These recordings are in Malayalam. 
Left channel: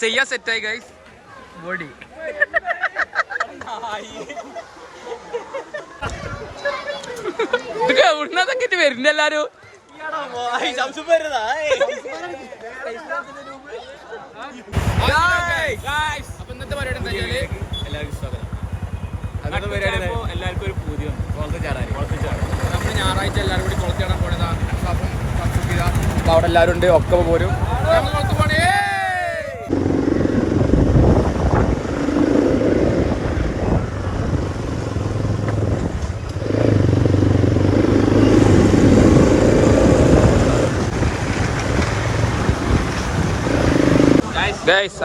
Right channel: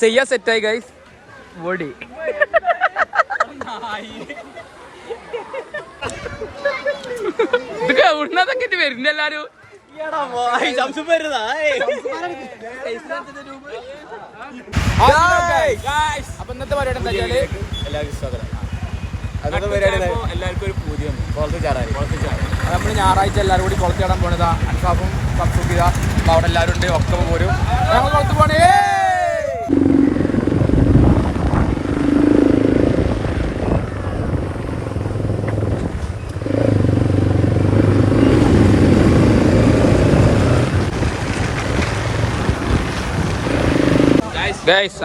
ചെയ്യാ സെറ്റായി ഗൈസ് ബോഡി. ഇതൊക്കെ എവിടുന്നതൊക്കെ വരുന്ന എല്ലാരും. അപ്പൊ ഇന്നത്തെ പരിപാടി എല്ലാവർക്കും സ്വാഗതം. അന്നത്തെ പരിപാടി എല്ലാവർക്കും ഒരു പൂതി വന്നു കുളത്ത് ചാടാൻ. നമ്മൾ ഞായറാഴ്ച എല്ലാവരും കൂടി കുളത്ത് ചാടാൻ പോണതാ. അവിടെ എല്ലാവരും ഉണ്ട്, ഒക്കെ പോരും. ഞങ്ങൾ കുളത്ത് പോണേ.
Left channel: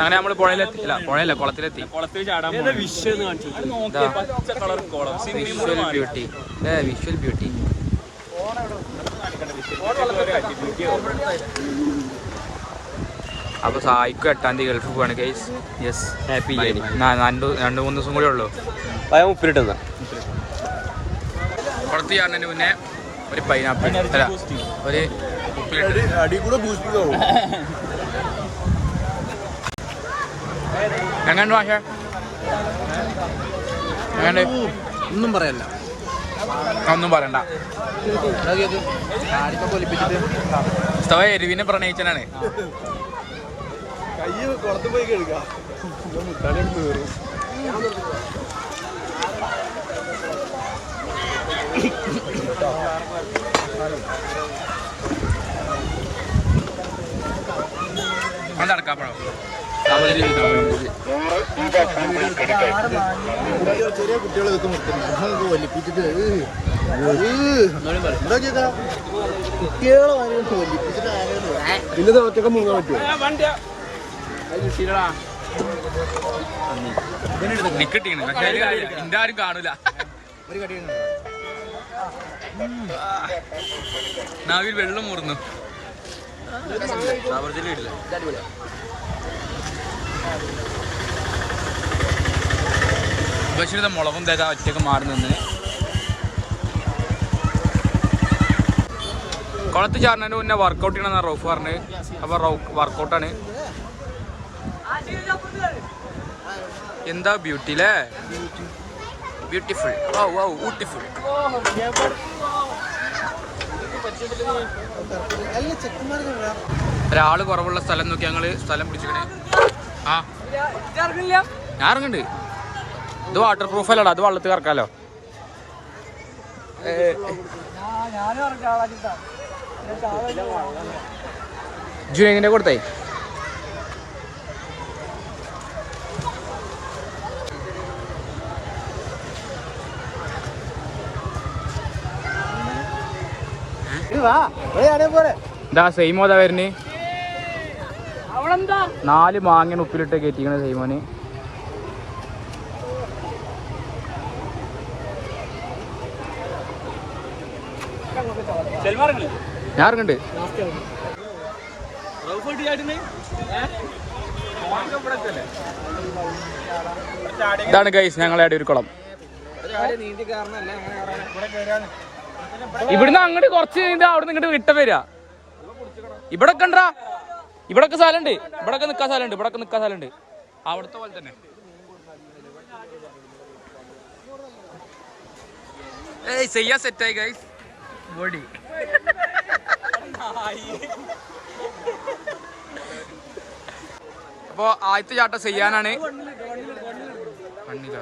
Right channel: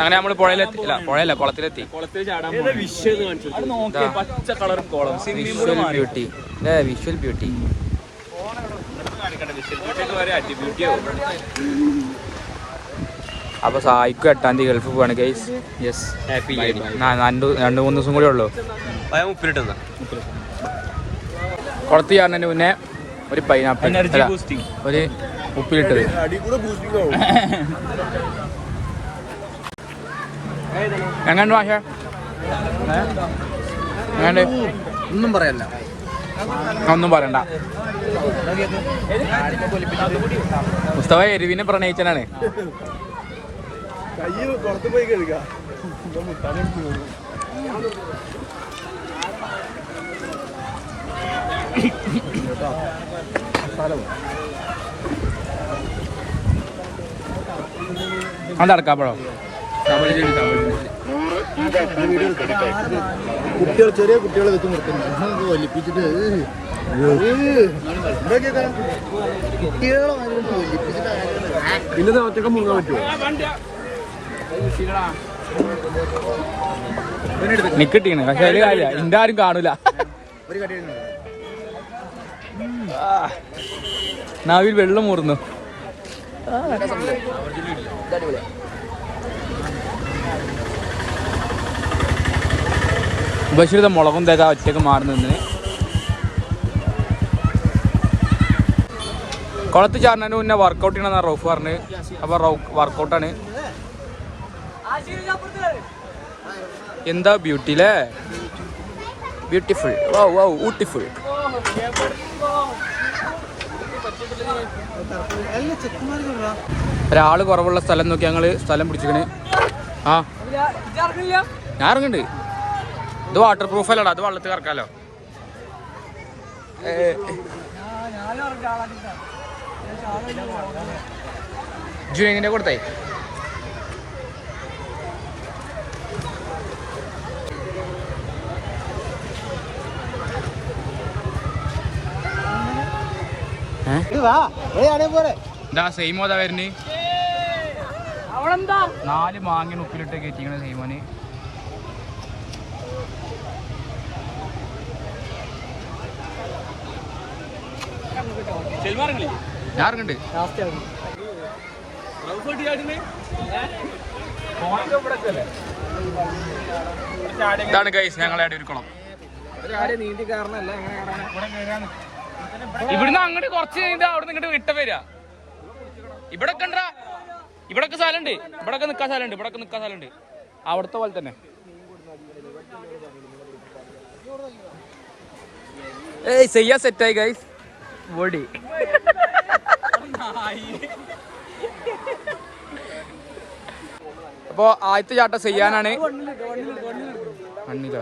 അങ്ങനെ നമ്മള് പുഴയിലെത്തി. കുളത്തിലെത്തി. കുളത്തിൽ ചാടാൻ വിഷ്വൽ ബ്യൂട്ടി. Visual beauty. അപ്പൊ സായിക്കും 8-ാം തീയതി ഗൾഫ് പോവാണ് ഗൈസ്. യെസ്, 2-3 ദിവസം കൂടെ ഉള്ളു. കുളത്ത് ചാടുന്നതിന് മുന്നേ ഒരു പൈനാപ്പിൾ അല്ല ഒരു ഉപ്പിലിട്ടത്. എങ്ങനെയുണ്ട് ഭാഷ? എങ്ങനെയുണ്ട്? ഒന്നും പറയല്ല, ഒന്നും പറയണ്ട. മുസ്തഫ എരിവിനെ പ്രണയിച്ചനാണ്. അതടക്കാപ്പഴോ? ചെറിയ കുട്ടികളെ വെച്ച് നിർത്തുന്നു ഒലിപ്പിച്ചിട്ട് കുട്ടികളെ ഒലിപ്പിച്ചിട്ട് പിന്നെ ഒറ്റക്ക് മുങ്ങാൻ പറ്റുമോ? നിക്കിട്ടീണ് പക്ഷെ അതിൽ കാര്യ എന്റെ ആരും കാണൂല. ഒരു കടി നാവിൽ വെള്ളം മൂറുന്നു. ബഷീർ മുളകും തേക്ക ഒറ്റക്ക് മാറി നിന്ന് കുളത്ത് ചാടുന്നതിന് മുന്നേ വർക്കൗട്ട് ചെയ്യണമെന്നാണ് റൌഫ് പറഞ്ഞ്. അപ്പൊ വർക്കൗട്ടാണ്. എന്താ ബ്യൂട്ടി അല്ലേ? ബ്യൂട്ടിഫുൾ. Wow wow beautiful. ഒരാള് കുറവുള്ള സ്ഥലം നോക്കി ഞങ്ങള് സ്ഥലം പിടിച്ചിക്കണ്. ആ ഞാൻ ഇറങ്ങുന്നുണ്ട്. ഇത് വാട്ടർ പ്രൂഫ് അല്ലടാ, അത് വെള്ളത്തിൽ കറക്കാലോ. ജുനൈദിന്റെ കൊടുത്തേ. എന്താ സെയിമോതാ വരുന്നേ? 4 മാങ്ങ ഉപ്പിലിട്ട് കയറ്റിക്കണ സെയിമോന്. ഞാൻ ഇറങ്ങണ്ട്. ഇതാണ് ഗൈസ് ഞങ്ങളെ ഒരു കുളം. ഇവിടുന്ന് അങ്ങോട്ട് കുറച്ച് കഴിഞ്ഞാൽ അവിടെ നിന്ന് ഇങ്ങോട്ട് വിട്ട വരിക. ഇവിടെ കണ്ടാ ഇവിടൊക്കെ സ്ഥലമുണ്ട്, ഇവിടൊക്കെ നിക്കാൻ സ്ഥലമുണ്ട്. അവിടുത്തെ പോലെ തന്നെ. ചെയ്യാ സെറ്റായി ഗൈസ് ബോഡി. അപ്പൊ ആദ്യത്തെ ചാട്ടം ചെയ്യാനാണ്. മണ്ണിലോ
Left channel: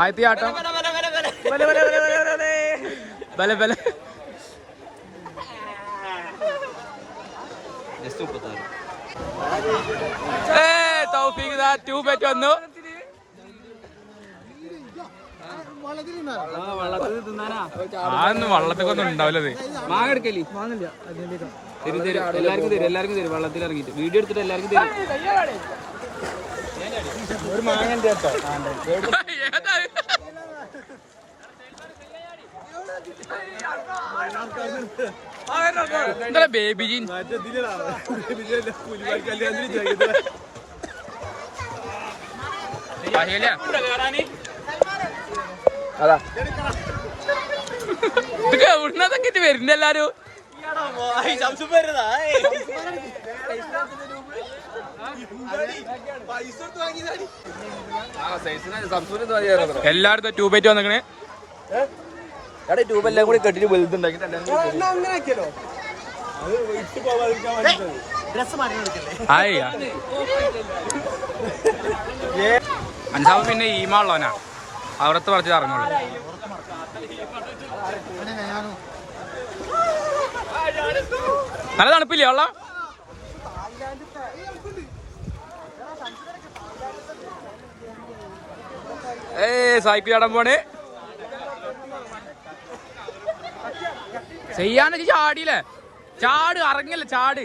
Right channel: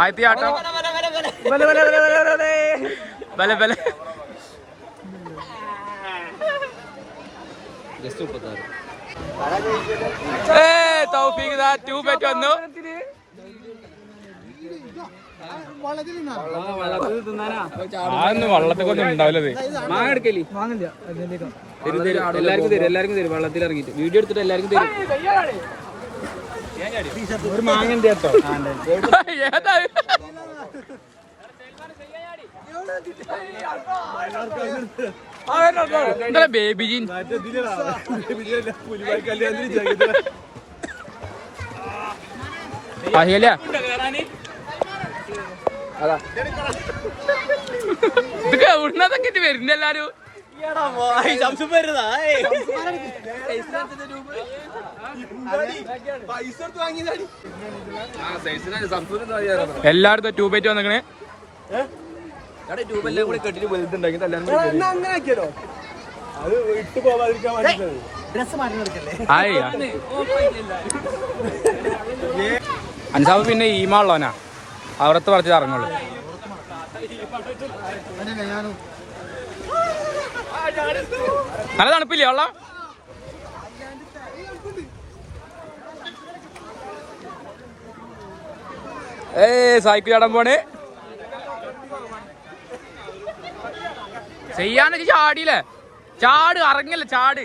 ആദ്യത്തെ ചാട്ടം ബല ബല. തൗഫീഖ് ട്യൂബ് വെച്ച് വന്നു. ആന്ന് വള്ളത്തൊക്കെ ഒന്നും ഉണ്ടാവില്ലത്. മാങ്ങ എടുക്കല്ലേ? മാങ്ങില്ല, എല്ലാവർക്കും തരും. വെള്ളത്തിൽ ഇറങ്ങിട്ട് വീഡിയോ എടുത്തിട്ട് എല്ലാവർക്കും തരും. ഒരു മാങ്ങന്റെ കേട്ടോ. എന്താ ബേബി ജീൻ അതാ ഇതൊക്കെ എവിടുന്നതൊക്കെ വരുന്ന എല്ലാരും. എല്ലായിടത്തും ട്യൂബേറ്റ് വന്നിക്കണേ. ട്യൂബെല്ലാം കൂടി കെട്ടിട്ട് വലുതുണ്ടാക്കി അൻസാബ് പിന്നെ ഈമാളോനാ അവിടത്തെ പറിച്ച് ഇറങ്ങുള്ളൂ. നല്ല തണുപ്പില്ലേ വെള്ളം? സൈക്കിൾ ചാടാൻ പോണേ. ചെയ്യാനൊക്കെ ചാടിയില്ലേ? ചാട്, ഇറങ്ങല്ല, ചാട്.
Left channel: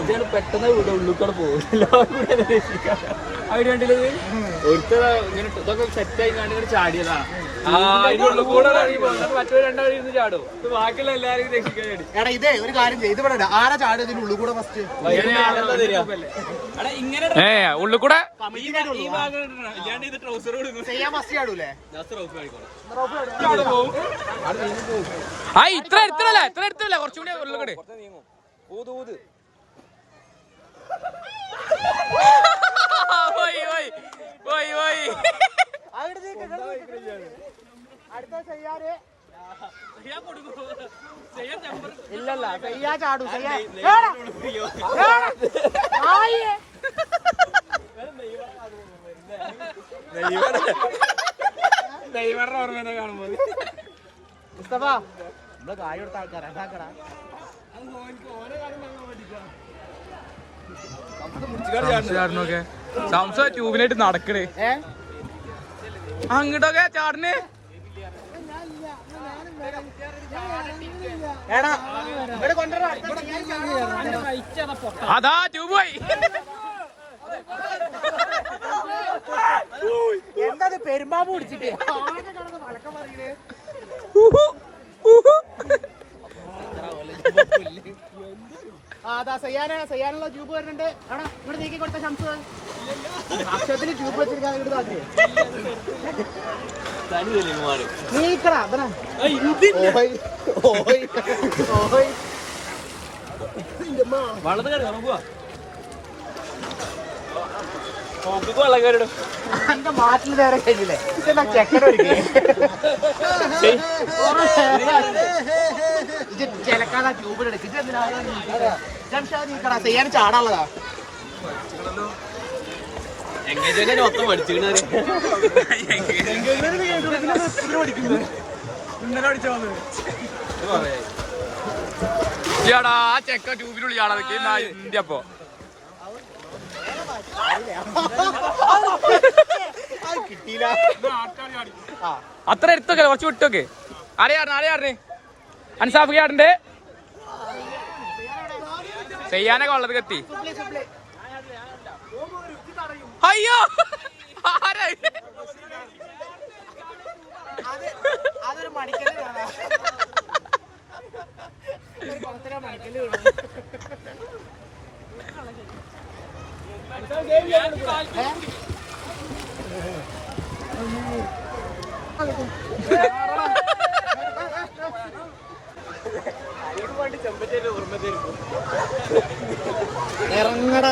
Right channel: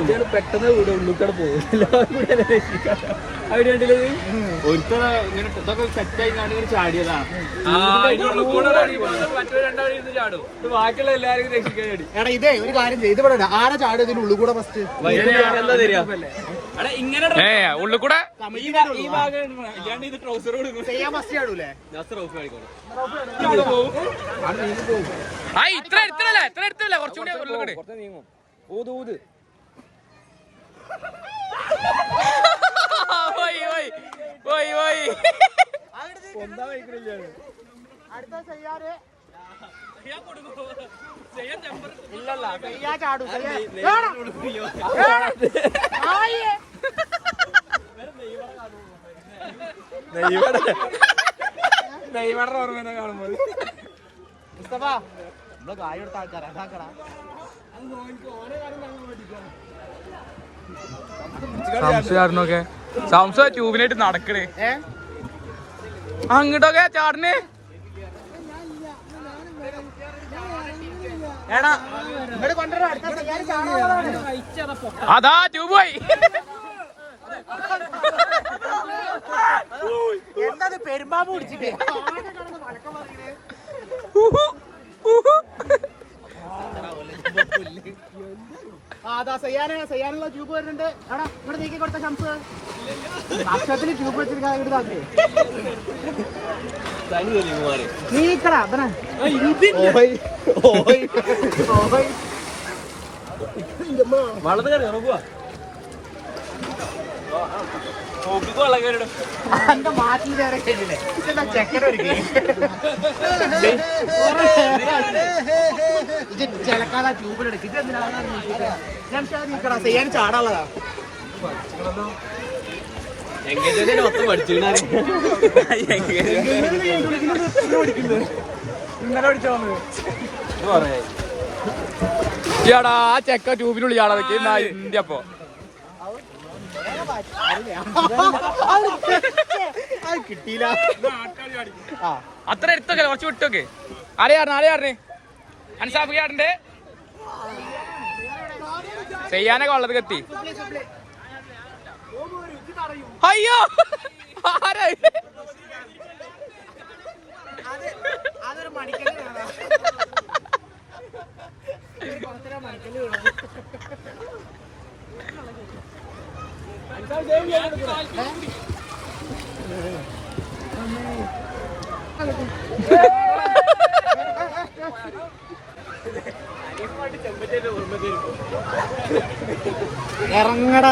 ഇത് പെട്ടെന്ന് ഉള്ളിക്കട പോകും. അവിടെ കണ്ടില്ലത് ഒരുത്തര ഇങ്ങനെ ഇതൊക്കെ സെറ്റായി ഇങ്ങനെ ചാടിയതാണ്. ബാക്കിയുള്ള എല്ലാരും രക്ഷിക്കാൻ വേണ്ടി. എടാ ഇതേ ഒരു കാര്യം ചെയ്ത് ഇവിടെ ആരാ ചാടും ഇതിന്റെ ഉള്ളിൽ കൂടെ ഫസ്റ്റ് ഉള്ളിൽ കൂടെ ചെയ്യാൻ ഫസ്റ്റ് ചാടൂലേ? ആ ഇത്ര എടുത്തല്ലേ കുറച്ചുകൂടി ഉള്ളിൽ കൂടെ. നെയ്മറുടെ ഓർമ്മ കാണുമ്പോൾ നമ്മള് കാര്യം എടുത്ത ആൾക്കാരാ. ചാടണൊക്കെ സംസ ട്യൂബിനായിട്ട് നടക്കണേ. അങ്ങോട്ടൊക്കെ ചാടണേ. അതാ ട്യൂബ് പോയി. എന്താ പെരുമ്പാമ്പ് പിടിച്ചിട്ട് അതാ ചെയ്യാനുള്ള ട്യൂബ് വരുന്നുണ്ട്. അവിടെ ഇവിടെ നീക്കി കൊടുത്ത ശംസ് അക്ഷരത്തിന് ട്യൂബ് വെച്ചിരിക്കാൻ നീക്കടാ. എന്റെ മാറ്റിൽ വേറെ കേട്ടില്ലേ ചെക്കൻ ചിലക്കാതെ ട്യൂബിലെടുക്കും. ചെയ്യാൻ ചാടാനുള്ളതാ. ചേടാ ആ ചെക്ക ട്യൂബിനുള്ളിൽ ചാടാതൊക്കെ ഇന്ത്യ. അപ്പൊ അത്ര എടുത്തൊക്കെ കുറച്ച് വിട്ടൊക്കെ. ആരെയാറിനെ അൻസാഫ് ചാടണ്ടേ? ചെയ്യാനൊക്കെ ഉള്ളത് കത്തി. അയ്യോ ആരായി? അതൊരു മണിക്കല്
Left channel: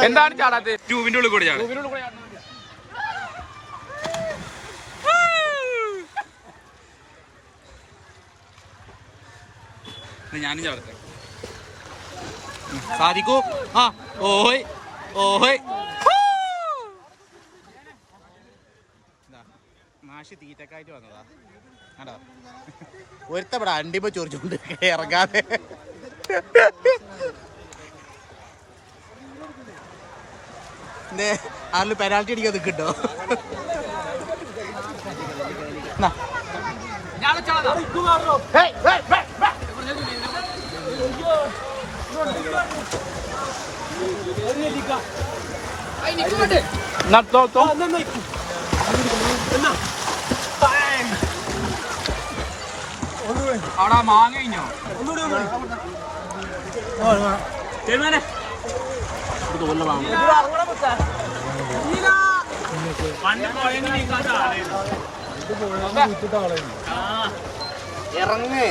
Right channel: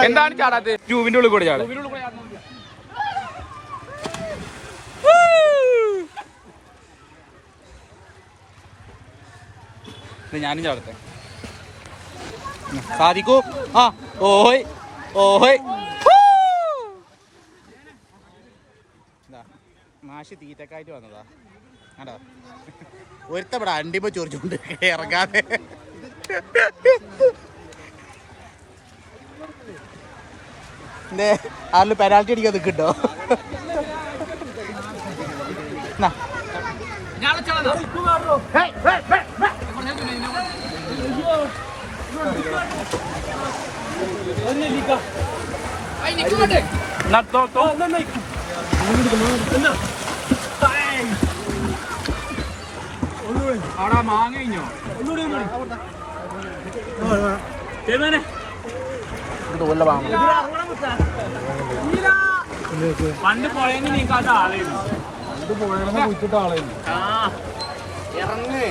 എന്താണ് ചാടാത്ത? ട്യൂബിന്റെ ഉള്ളിൽ കൂടെ ചാടും. ഞാനും ചാടത്തെ സാധിക്കൂ. ആ ഓയ് ഓയ് മാഷി തീറ്റക്കായിട്ട് വന്നതാ. ആടോ ഒരുത്തവിടെ അണ്ടിമ ചൊറിച്ചുകൊണ്ട് ഇറങ്ങാതെ. എന്തേ ആരിൽ പെനാൽറ്റി അടിക്കാൻ നിൽക്കട്ടോ? അവിടെ മാങ്ങ കഴിഞ്ഞോ തോല്ല വാങ്ങണം പണ്ട് പോയെങ്കിൽ നീക്കാത്ത ആളായിരുന്നു ഇറങ്ങേ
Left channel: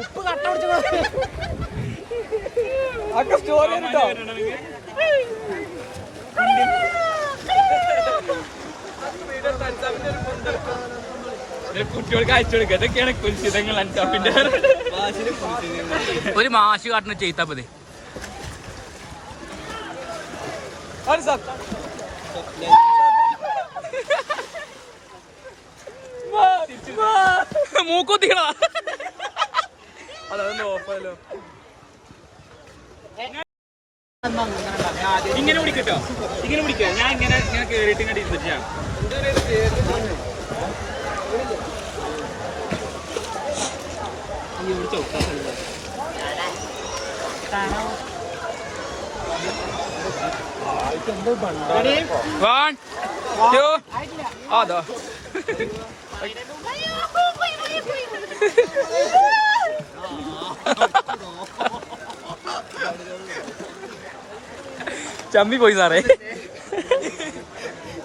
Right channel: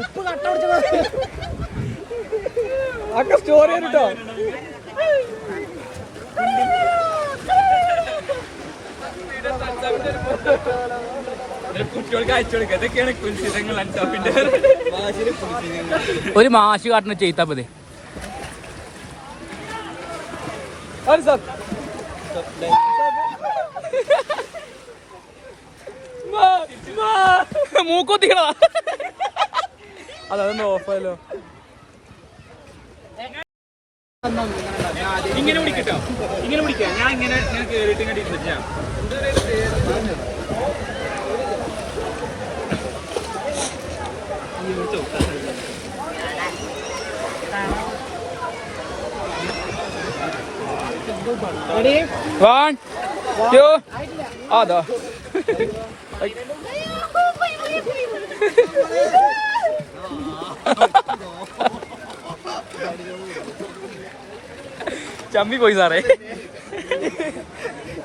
ഉപ്പ് കട്ട സ്റ്റോറി കേട്ടോ കുട്ടികൾക്ക് അയച്ചു കൊടുക്കുക അതൊക്കെയാണ് കുൽസിതങ്ങൾ അൻസാപ്പിന്റെ ഒരു മാഷ് കാട്ടിന് ചെയ്താ മതി മൂക്കുത്തികളാ അതൊന്ന് ഓഫായല്ലോ ഇങ്ങനെ പിടിക്കട്ടോ ഇങ്ങനെ പിടിക്കാം ഞാൻ ഇങ്ങനെ കേറിയിട്ട് ഇങ്ങനെ ഇരുന്നിട്ടാ One, two, അതാ ചമ്മി പോയി സാറേ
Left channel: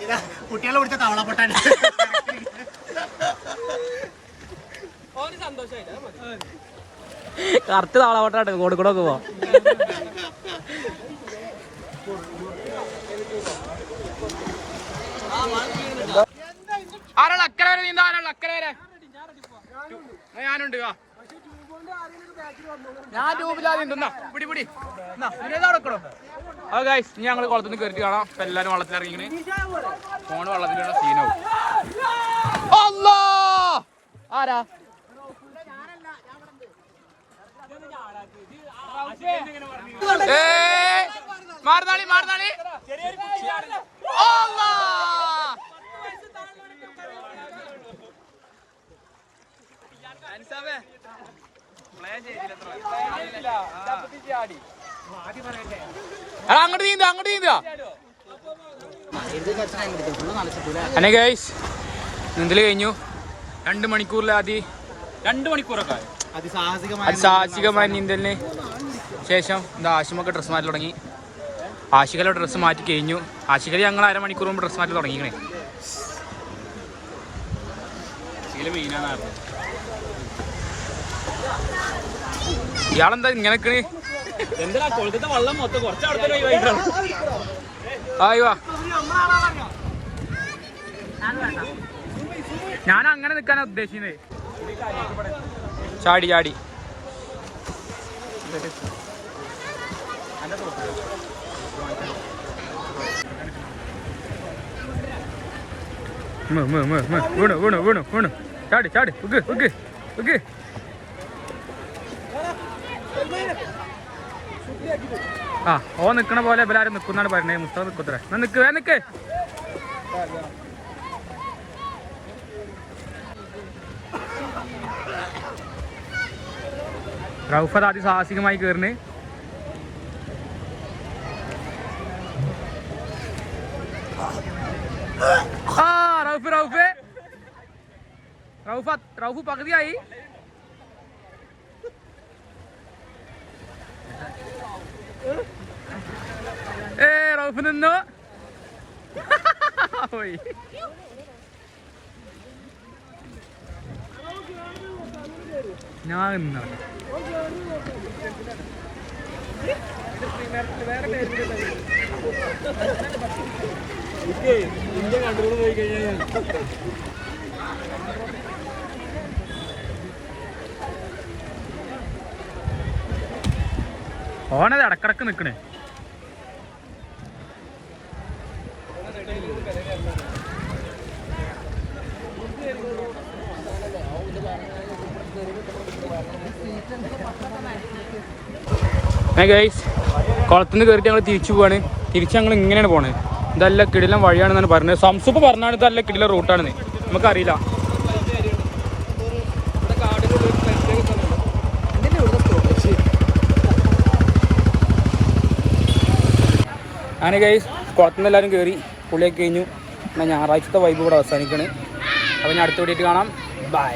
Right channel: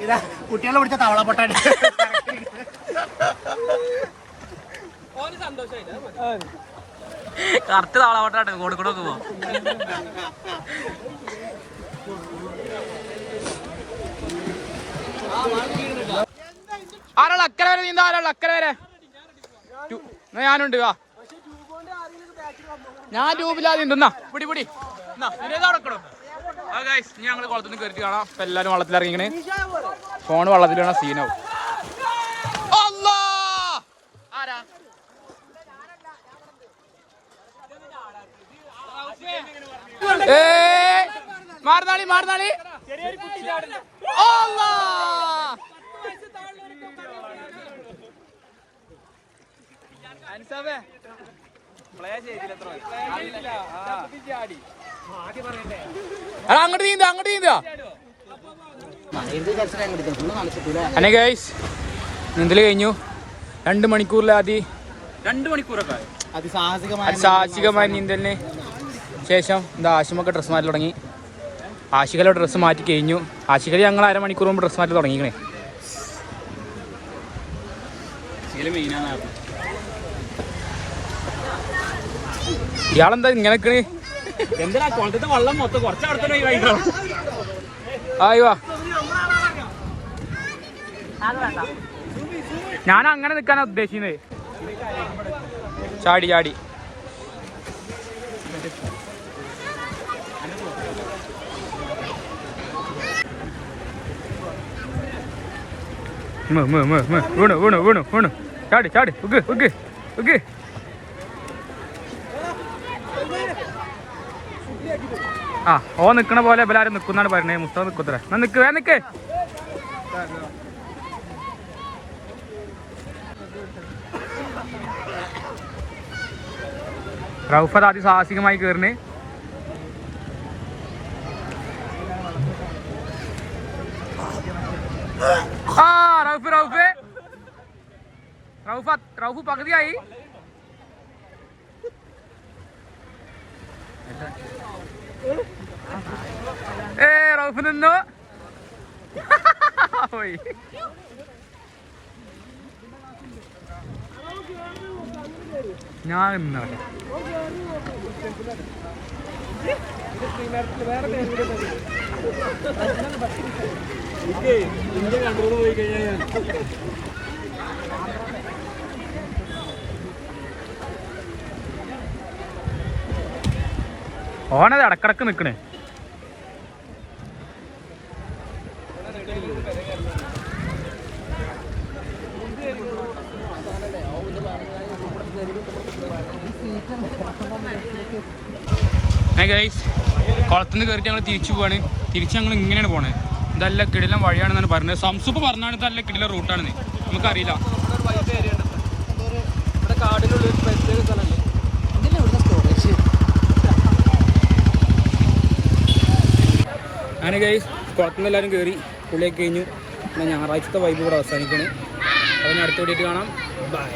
ഇതാ കുട്ടികളെ പിടിച്ച തവള പൊട്ടാൻ കറക്റ്റ് താളാവട്ടാട്ടെ കോഴിക്കോടൊക്കെ പോവാം ആരാൾ അക്കരെ വരെ നീന്താ ആരാൾ അക്കരെ വരെ ഞാനുണ്ട് ഞാൻ ട്യൂബില്ലാതെ നീന്തുന്നാ പിടി പിടി നടക്കണോ ആ ഗൈസ് ഇനി ഞങ്ങൾ കുളത്തിൽ നിന്ന് കയറിയിട്ട് കാണാം ഇപ്പൊ എല്ലാവരും വെള്ളത്തിലിറങ്ങിങ്ങനെ ഫോൺ വെള്ളത്തിൽ വേണം സീനാവും അല്ലാ ആരാ മാറുന്നാളി മാറുന്നാളി അങ്ങോട്ട് നീന്താ അങ്ങോട്ട് നീന്താ അല്ലെ ഗൈസ് നീന്തല് കഴിഞ്ഞു 2 മണിക്കൂറിലാദ്യം 2 മണിക്കൂറൊക്കെ അതിസാഹസികമായ നീന്തലിന് ശേഷം എന്താ ആശുമൊക്കെ ഡ്രസ്സ് മാറ്റി തുടങ്ങി ആശികല ഡ്രസ്സ് മാറ്റി കഴിഞ്ഞു ആശികല ഞങ്ങൾ 1/2 മണിക്കൂർ മുമ്പ് ഡ്രസ്സ് മാറ്റി തുടങ്ങിക്കണേ ഇയാളെന്താ ഇങ്ങനെ എന്താ കൊളത്തെ വെള്ളം മൊത്തം കുറച്ച് ആയിവാ ഞാൻ അങ്ങനെ നിൽക്കാനാ ഉദ്ദേശിക്കുന്നത് ചാടി ചാടി വീണു വീണു വീണു വീണു ചാടി ചാടി ഉഗ് ഉഗ് ഉഗ് ആ ഓ നിക്കണ പോലെ എല്ലാരും നിക്കുന്നാണ് പറഞ്ഞേ മുസ്തഫ നിക്കുത്ര നിക്ക് നിക്ക് റൗഫത് അതിസാഹസികമായി കയറിന് ആ റൗഫ് റൗഫ് റൗഫ് റൗഫ് പകുതിയായി റൗഫ് നിന്നു പോയി ഞാൻ നിന്നോട്ടെ ഇന്ത്യ കൺട്രോൾ പോയി കഴിഞ്ഞാൽ ഓനത് ഇടക്കിടക്ക് നിക്കണേ ഗൈസ് കുളത്തിൽ നിന്ന് കയറിയിട്ട് ഞങ്ങൾ തിരിച്ചു പോവാണ് തിരിച്ച് ഞങ്ങൾ ഇങ്ങനെയാണ് പോണത് ഇതല്ല കിടിലം വഴിയാണെന്നാണ് പറഞ്ഞത് സംസുപ്പ് പറഞ്ഞാണ് ഇതല്ല കിടിലം റൂട്ടാണെന്ന് നമുക്കറിയില്ല അങ്ങനെ ഗൈസ് കുളത്തുനിന്ന് എല്ലാവരും കയറി പുള്ളിയൊക്കെ കഴിഞ്ഞു. എന്നാൽ ഞായറാഴ്ചത്തെ വൈബ് ഇവിടെ അവസാനിക്കണേ. അപ്പോൾ ഞാൻ അടുത്ത വീഡിയോ കാണാം. ബൈ.